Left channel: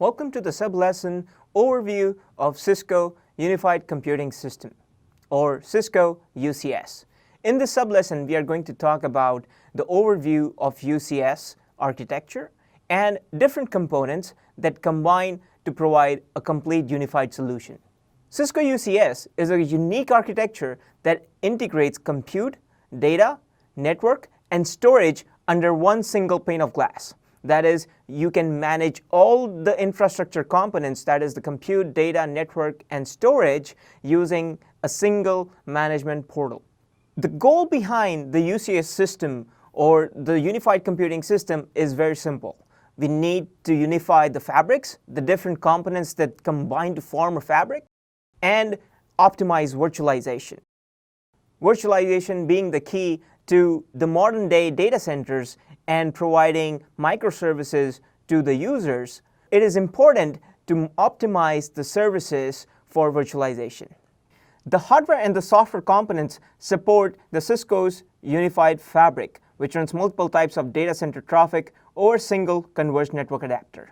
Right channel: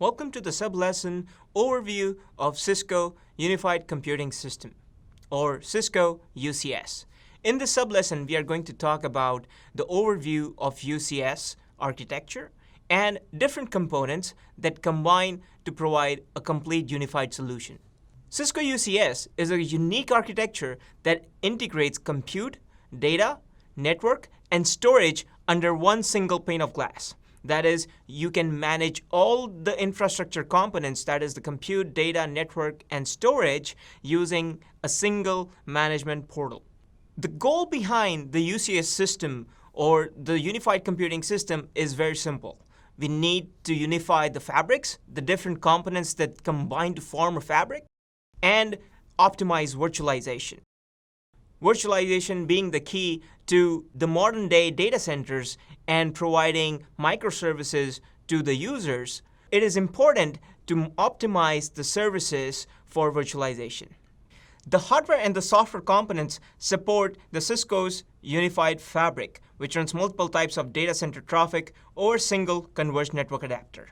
Welcome to the sub-lesson overview of Cisco Unified Computing System, or Cisco UCS. In this sub-lesson, we are going to talk about the overview of UCS architecture and different components that combine to provide a complete unified solution. Cisco UCS is a unique architecture that integrates compute, data, network, and storage under one single pane of glass. That is, you can manage all the infrastructure components, that is the compute, data, network, and storage using a single management portal. The goal behind the UCS system or the unified computing system is very simple. We need to unify the fabrics, the different components that combine to form a fabric, and optimize virtualization. Virtualization being the key to the modern day data centers and providing microservices to the users, it is important to optimize the services for virtualization. The hardware and the software components support the Cisco's unified fabric, which runs multiple types of data center traffic over a single converged network adapter.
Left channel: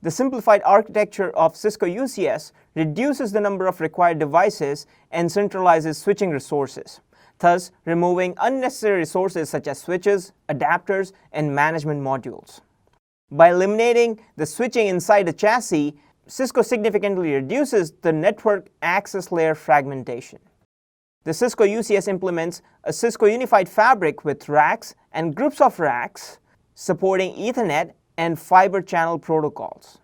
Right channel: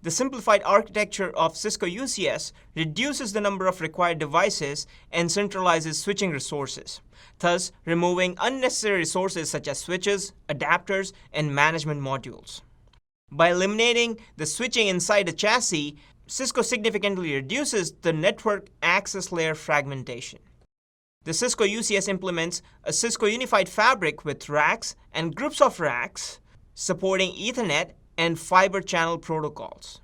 The simplified architecture of Cisco UCS reduces the number of required devices and centralizes switching resources, thus removing unnecessary resources such as switches, adapters, and management modules. By eliminating the switching inside the chassis, Cisco significantly reduces the network access layer fragmentation. The Cisco UCS implements a Cisco unified fabric with racks and groups of racks supporting Ethernet and fiber channel protocols.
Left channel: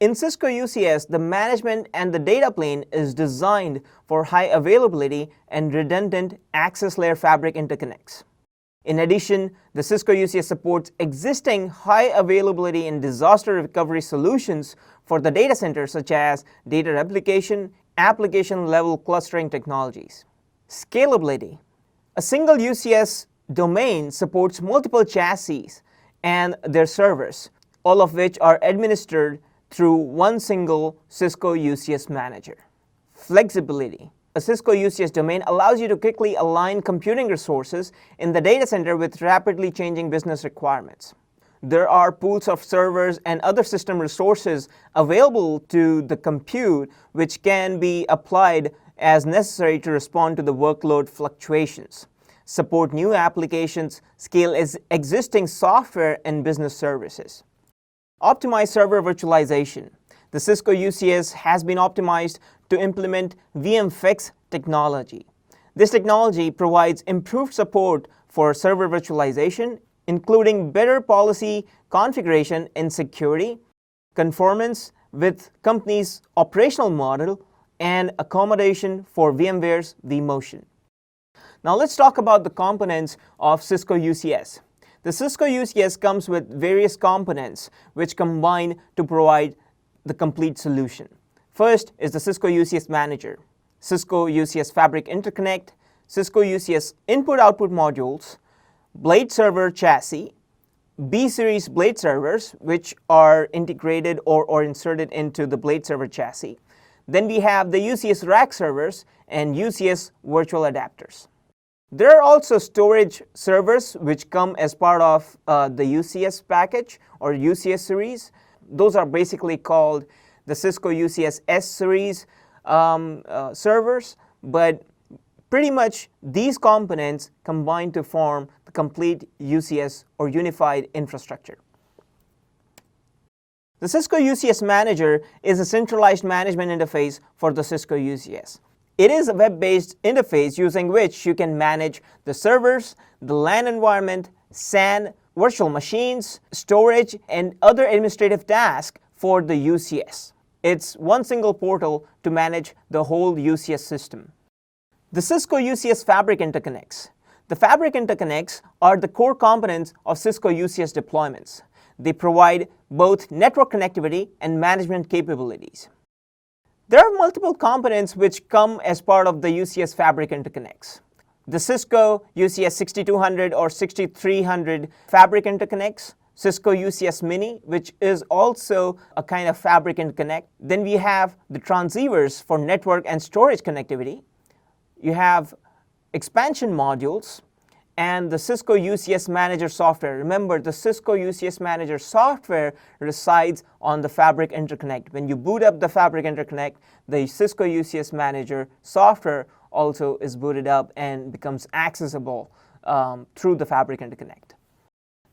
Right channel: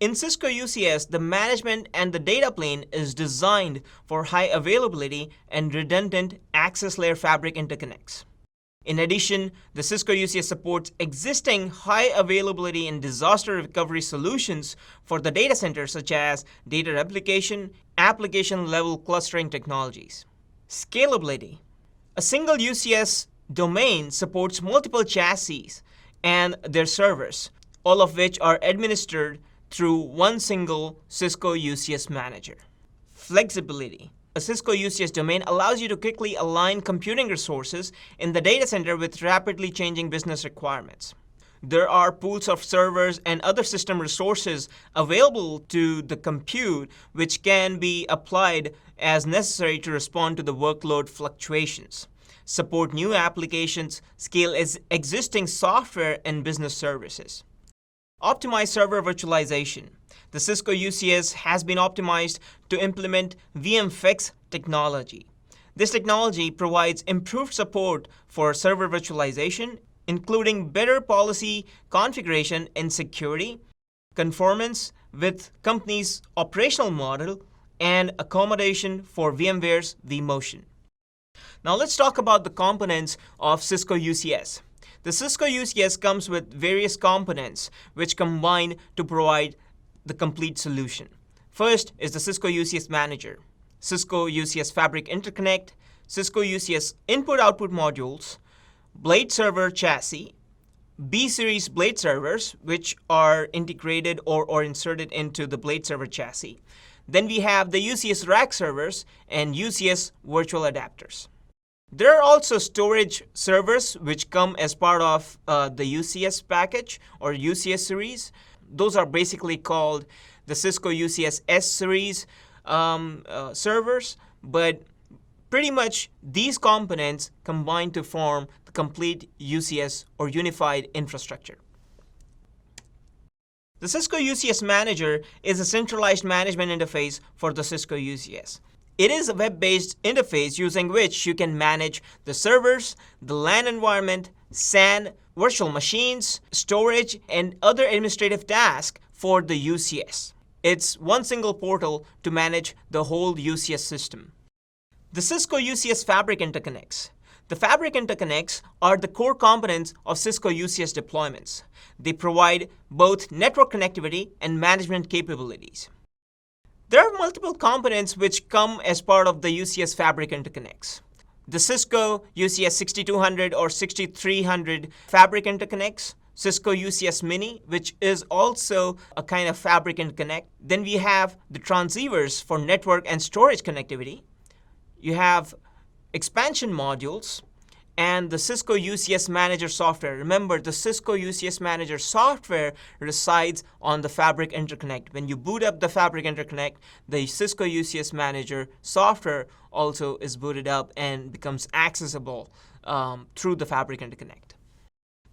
In Cisco UCS, the management and the data plane is designed for high availability and redundant access layer fabric interconnects. In addition, the Cisco UCS supports existing high availability and disaster recovery solutions for the data center, such as data replication, application level clustering technologies. Scalability. A single UCS domain supports multiple chassis and their servers, all of which are administered through one single Cisco UCS manager. Flexibility. A Cisco UCS domain allows you to quickly align computing resources in the data center with rapidly changing business requirements. There are pools of servers and other system resources available to the compute which can be applied as necessary to respond to the workload fluctuations, support new applications, scale existing software and business services. Optimize server virtualization. The Cisco UCS has been optimized to implement VMFix technology. This technology provides improved support for server virtualization, including better policy configuration and security, conformance with company's operational model, and accommodation for VMware's vMotion. Now let's talk about the components of Cisco UCS. The Cisco UCS comes with various components which combine to provide the complete solution. First is the Cisco UCS Manager, Cisco UCS Fabric Interconnect, Cisco UCS Input-Output Modules, Blade Server Chassis, B-Series Blade Servers, which are integrated or inserted into the Blade Server Chassis. Then we have the UCS Rack Servers and UCS Virtual Adapters. There are also storage servers which come as part of the UCS package or UCS series. Those are basically called the Cisco UCS S series servers, but pretty much these components combine to form the complete UCS or unified infrastructure. The Cisco UCS Manager is a centralized management interface for the Cisco UCS. It is a web-based interface using which you can manage the servers, the LAN environment, SAN, virtual machines, storage, and other administrative tasks for the UCS. It's one single portal to manage the whole UCS system. The Cisco UCS Fabric Interconnects. The Fabric Interconnects are the core components of Cisco UCS deployments. They provide both network connectivity and management capabilities. There are multiple components which come as part of the UCS Fabric Interconnects. The Cisco UCS 6200 or 6300 Fabric Interconnects, Cisco UCS Mini, which is also a kind of Fabric Interconnect. Then we have the transceivers for network and storage connectivity. You have expansion modules, and the Cisco UCS Manager software. Remember, the Cisco UCS Manager software resides on the Fabric Interconnect. When you boot up the Fabric Interconnect, the Cisco UCS Manager software also is booted up and becomes accessible through the Fabric Interconnect.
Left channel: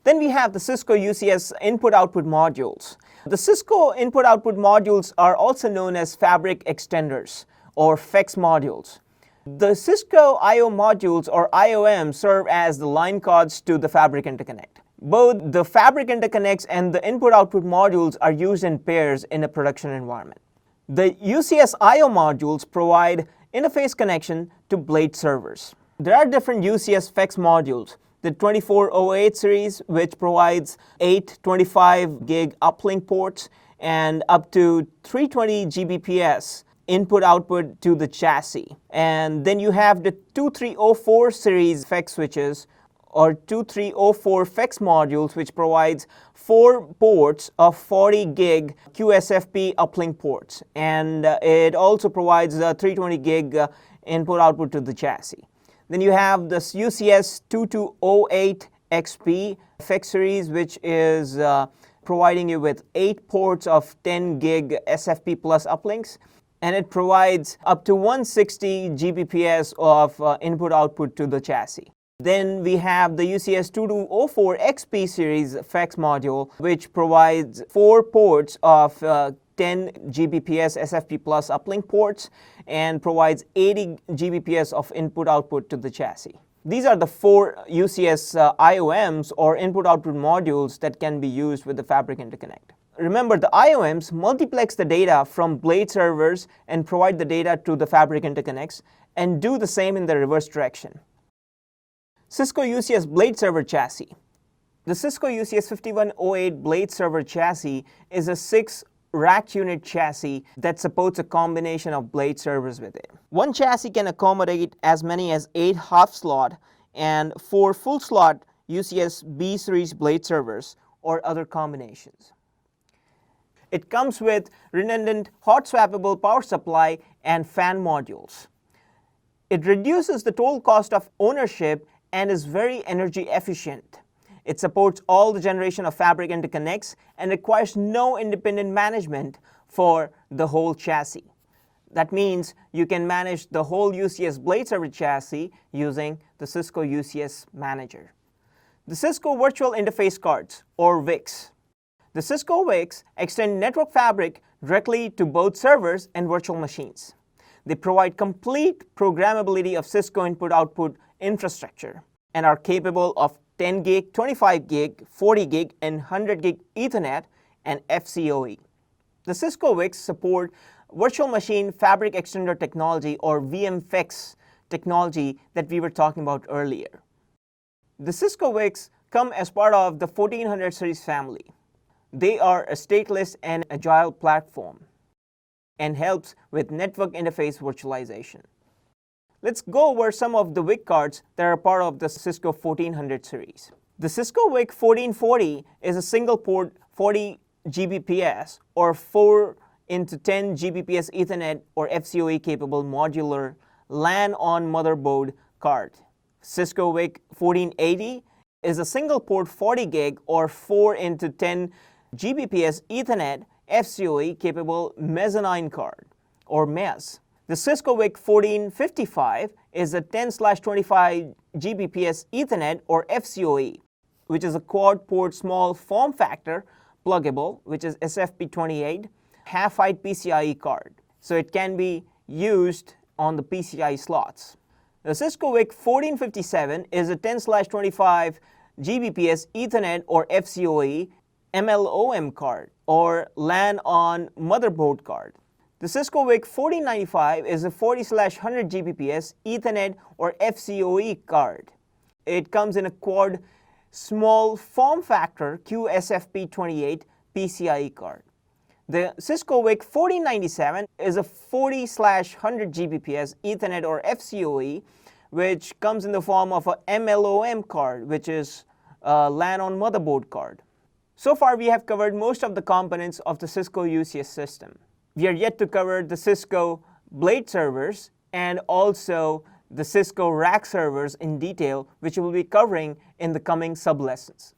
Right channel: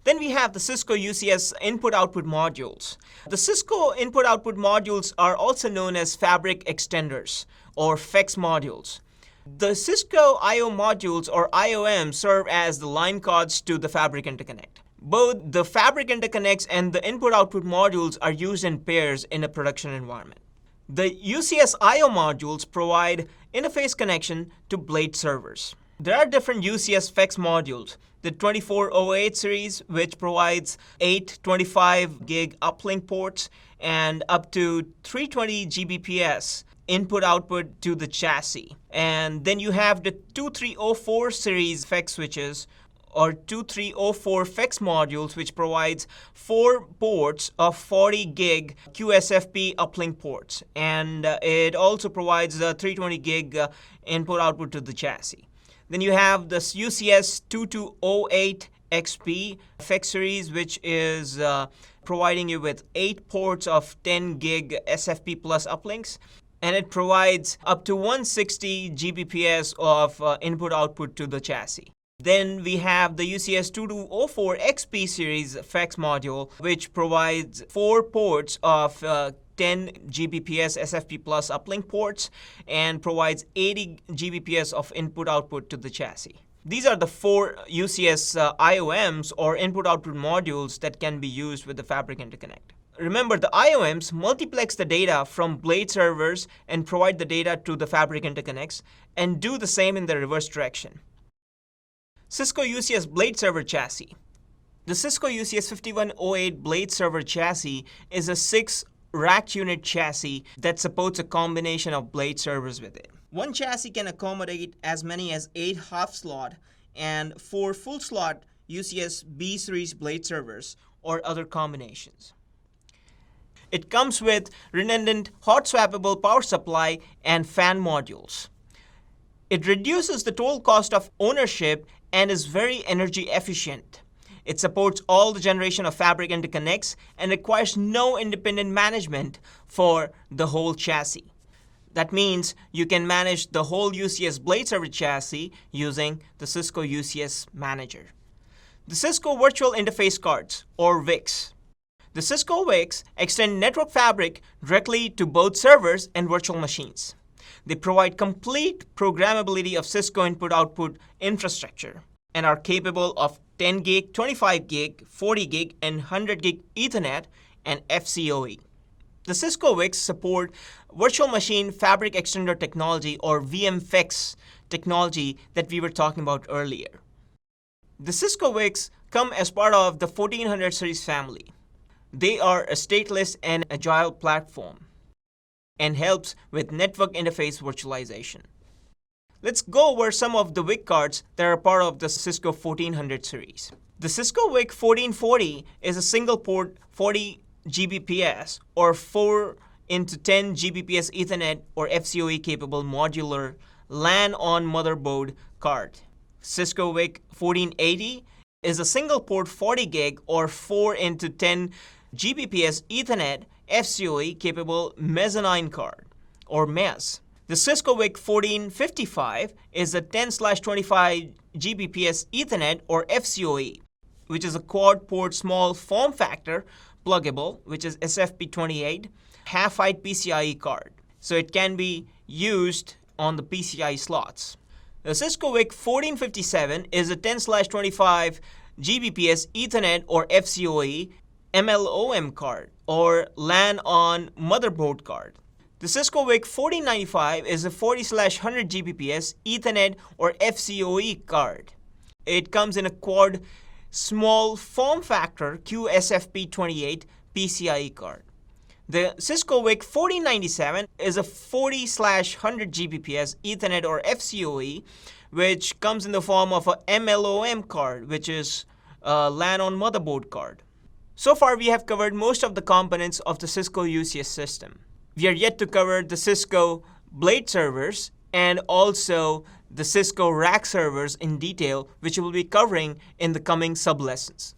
Then we have the Cisco UCS input-output modules. The Cisco input-output modules are also known as Fabric Extenders or FEX modules. The Cisco I/O modules or IOM serve as the line cards to the Fabric Interconnect. Both the Fabric Interconnects and the input-output modules are used in pairs in a production environment. The UCS I/O modules provide interface connection to blade servers. There are different UCS FEX modules. The 2408 series, which provides 8 25 gig uplink ports and up to 320 Gbps input-output to the chassis. And then you have the 2304 series FEX switches or 2304 FEX modules, which provides 4 ports of 40 gig QSFP uplink ports. And it also provides 320 gig input-output to the chassis. Then you have this UCS 2208 XP FEX series, which is providing you with 8 ports of 10 gig SFP plus uplinks. And it provides up to 160 Gbps of input-output to the chassis. Then we have the UCS 2204 XP series FEX module, which provides 4 ports of 10 Gbps SFP plus uplink ports and provides 80 Gbps of input-output to the chassis. These are the 4 UCS IOMs or input-output modules that can be used with the Fabric Interconnect. Remember, the IOMs multiplex the data from blade servers and provide the data to the Fabric Interconnects and do the same in the reverse direction. Cisco UCS Blade Server Chassis. The Cisco UCS 5108 Blade Server Chassis is a 6 rack unit chassis that supports a combination of blade servers with it. One chassis can accommodate as many as 8 half-slot and 4 full-slot UCS B series blade servers or other combinations. It comes with redundant hot swappable power supply and fan modules. It reduces the total cost of ownership and is very energy efficient. It supports all the generation of Fabric Interconnects and requires no independent management for the whole chassis. That means you can manage the whole UCS Blade Server chassis using the Cisco UCS Manager. The Cisco Virtual Interface Cards or VICs. The Cisco VICs extend network fabric directly to both servers and virtual machines. They provide complete programmability of Cisco input-output infrastructure and are capable of 10 gig, 25 gig, 40 gig, and 100 gig Ethernet and FCOE. The Cisco VICs support Virtual Machine Fabric Extender technology or VMFEX technology that we were talking about earlier. The Cisco VICs come as part of the 1400 series family. They are a stateless and agile platform and helps with network interface virtualization. Let's go over some of the VIC cards that are part of the Cisco 1400 series. The Cisco VIC 1440 is a single port 40 Gbps or 4 into 10 Gbps Ethernet or FCOE capable modular LAN on motherboard card. Cisco VIC 1480 is a single port 40 gig or 4 into 10 Gbps Ethernet FCOE capable mezzanine card or MES. The Cisco VIC 1455 is a 10/25 Gbps Ethernet or FCOE, which is a quad port small form factor pluggable, which is SFP28, half-height PCIe card. So it can be used on the PCIe slots. The Cisco VIC 1457 is a 10/25 Gbps Ethernet or FCOE MLOM card or LAN on motherboard card. The Cisco VIC 1495 is a 40/100 Gbps Ethernet or FCOE card. It comes in a quad small form factor QSFP28 PCIe card. The Cisco VIC 1497 is a 40/100 Gbps Ethernet or FCOE, which comes in the form of a MLOM card, which is a LAN on motherboard card. So far, we have covered most of the components of the Cisco UCS system. We are yet to cover the Cisco blade servers and also the Cisco rack servers in detail, which we'll be covering in the coming sub-lessons.